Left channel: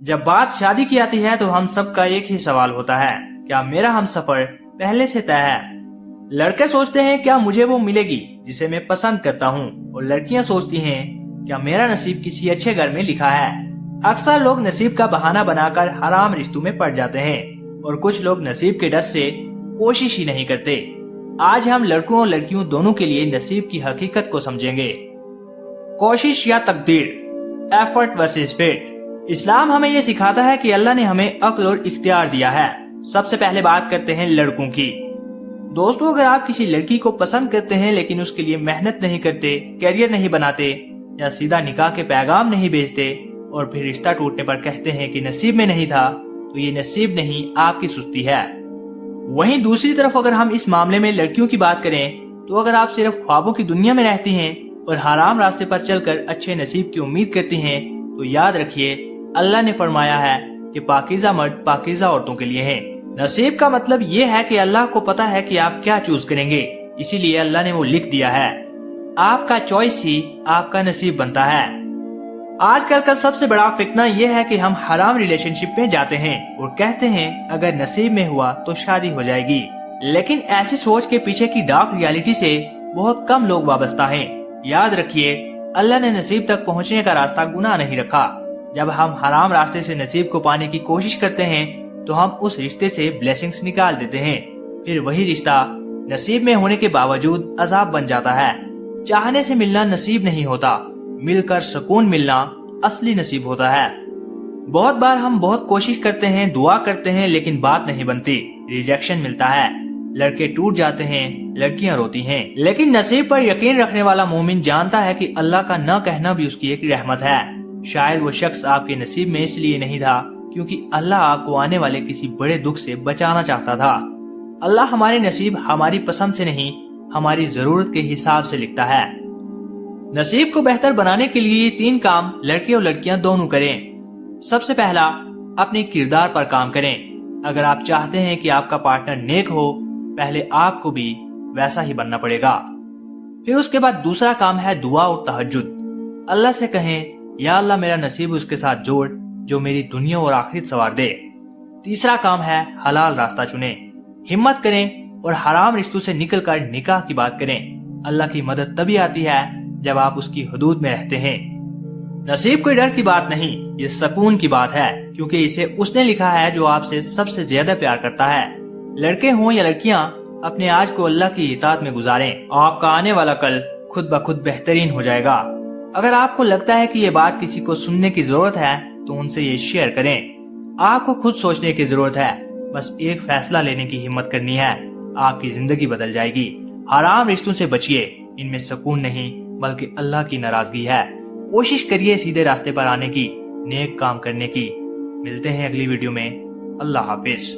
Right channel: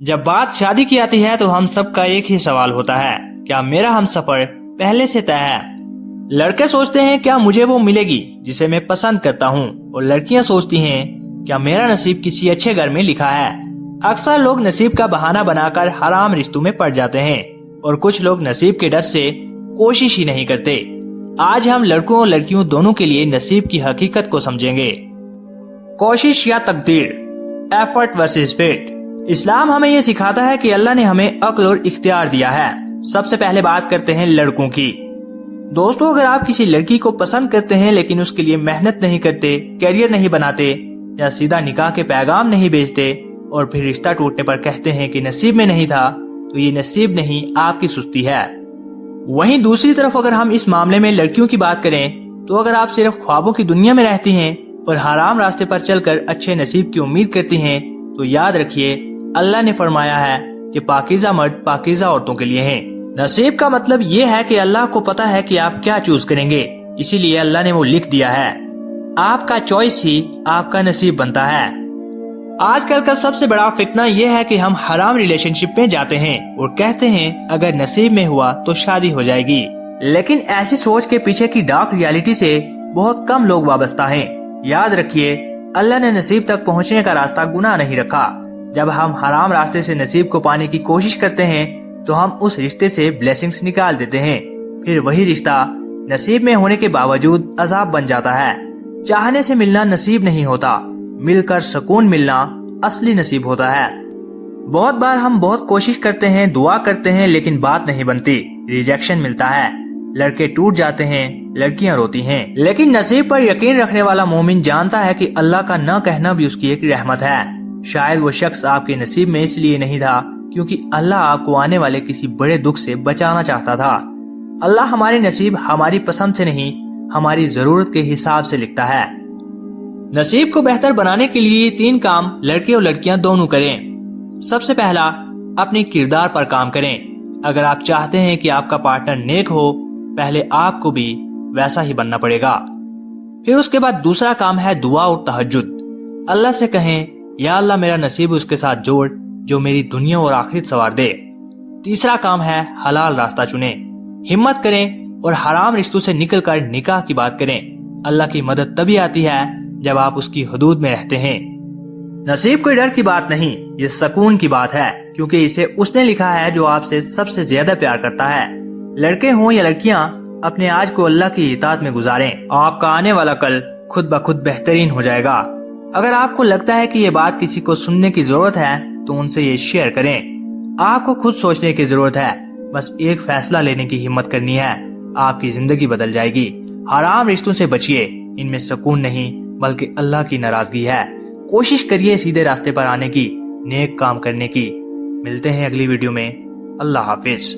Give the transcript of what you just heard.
जब बात शादी की आती है तो हम सबका एक ही सवाल होता है, क्या मेरा हमसफर पहले से तय है? लड़के सोचते हैं क्या मुझे वो मिलेगी जिसे मैं पसंद करता हूँ, और लड़कियाँ सोचती हैं क्या मेरा नसीब किसी अच्छे घर में लिखा है। अक्सर लोग नसीब का बहाना बनाकर हराम रिश्तों में पड़ जाते हैं और कुछ लोग नसीब के डर से कोशिश ही नहीं करते। आज हम लड़कों और लड़कियों दोनों के लिए नसीब की हकीकत को समझेंगे। कोशिश या तकदीर, एफर्ट वर्सेस फेट। इस्लाम हमें ये सिखाता है कि अल्लाह ने हमें अक्ल और इख्तियार दिया है। सबसे पहले बात करते हैं लड़कों की। दोस्तों, अगर आप किसी लड़की को पसंद करते हैं लेकिन उसके लिए मेहनत नहीं करते, करियर नहीं बनाते या सीधा निकाह के पैगाम नहीं भेजते और फिर रिश्ता टूटने पर कहते हैं कि नसीब में नहीं था, तो ये नसीब नहीं, आपकी सुस्ती है। वहीं दूसरी तरफ अगर हम इस मामले में लड़कियों की बात करें तो अगर आप सिर्फ ख्वाबों की दुनिया में रहती हैं और हराम रास्ते पर चलकर अच्छे नसीब की उम्मीद करती हैं, तो याद रखिए अल्लाह ने फरमाया है कि पाकीज़ा मर्द पाकीज़ा औरतों के लिए हैं। नसीब का मतलब ये है कि अल्लाह को पता है कि आप क्या चूज करेंगे, इसीलिए अल्लाह ने वो लिख दिया है। आपका चॉइस ही आपका नसीब बनता है। आजकल का सबसे बड़ा फितना ये है कि हम हराम रिलेशनशिप में जाते हैं और कहते हैं अगर नसीब में हुआ तो शादी हो जाएगी, लेकिन ऐसी सोच के पीछे की डार्क रियलिटी से बहुत कम लोग वाबस्ता हैं। याद रखिए अल्लाह ने नसीब तक पहुंचने का रास्ता गुनाह नहीं रखा। जब हम हराम रास्ते से नसीब को पाने की कोशिश करते हैं तो हम उस रिश्ते से ब्लेसिंग्स निकाल देते हैं, फिर वही रिश्ता नसीब में होने के बावजूद अजाब बन जाता है। चाहने से मिलना नसीब नहीं होता, मिलकर सुकून मिलना असली नसीब होता है। बहुत बार हम बहुत कोशिश करते हैं, दुआ करते हैं, लेकिन बात नहीं बनती, रिजेक्शन मिलता है, लड़के टूट जाते हैं, लड़कियां रोती हैं। लेकिन नसीब पर यकीन रखने वाला मोमिन जानता है कि अल्लाह का न कहना भी उसकी एक रहमत है। शायद वो शख्स आपके नसीब में इसलिए नहीं था क्योंकि अल्लाह आपको आने वाले किसी बड़े दुख से बचाना चाहता था। अल्लाह हमारे नसीब हमारी पसंद से नहीं, हमारी जरूरत के हिसाब से लिखता है। नसीब को बेहतर बनाने के लिए 3 काम लड़के और लड़कियां दोनों करें। सबसे पहला, अपने किरदार पर काम करें। अगर आप चाहते हैं कि आपका पार्टनर नेक हो, पहले आपको भी वैसा ही बनना पड़ेगा। फिर उसके बाद दूसरा काम है दुआ और तहज्जुद। अल्लाह से कहें या अल्लाह मेरा नसीब उसके साथ जोड़ जो मेरी दुनिया और आखिरत संवार दे। तीसरा काम है हलाल रास्ता चुनें। हिम्मत करें और हराम रिश्तों से निकलकर निकाह की बात करें। अल्लाह की मदद तभी आती है जब आप उसकी हुदूद में रहते हैं। नसीब कोई डर की बात नहीं, ये सुकून की बात है, क्योंकि इसे उसने लिखा है जो आपसे सबसे ज्यादा प्यार करता है। लड़के हों या लड़कियां, अपने आज को अल्लाह की इताअत में गुजारें। आपका आने वाला कल खुद ब खुद बेहतरीन हो जाएगा। अगर आपको लगता है कि ये बात किसी को सुनने की जरूरत है तो उनसे ये शेयर करें। आपको खुद सोचने की जरूरत है, बस एक फैसला लेने की हिम्मत करनी है, आपकी जिंदगी बदल जाएगी। हराम रिश्तों से बचिए, इनमें सुकून नहीं बल्कि अल्लाह की नाराजगी है। कोशिश करिए सीधे रास्ते पर आने की, नेक काम करने की। मिलते हैं अगली वीडियो में। अल्लाह हाफिज।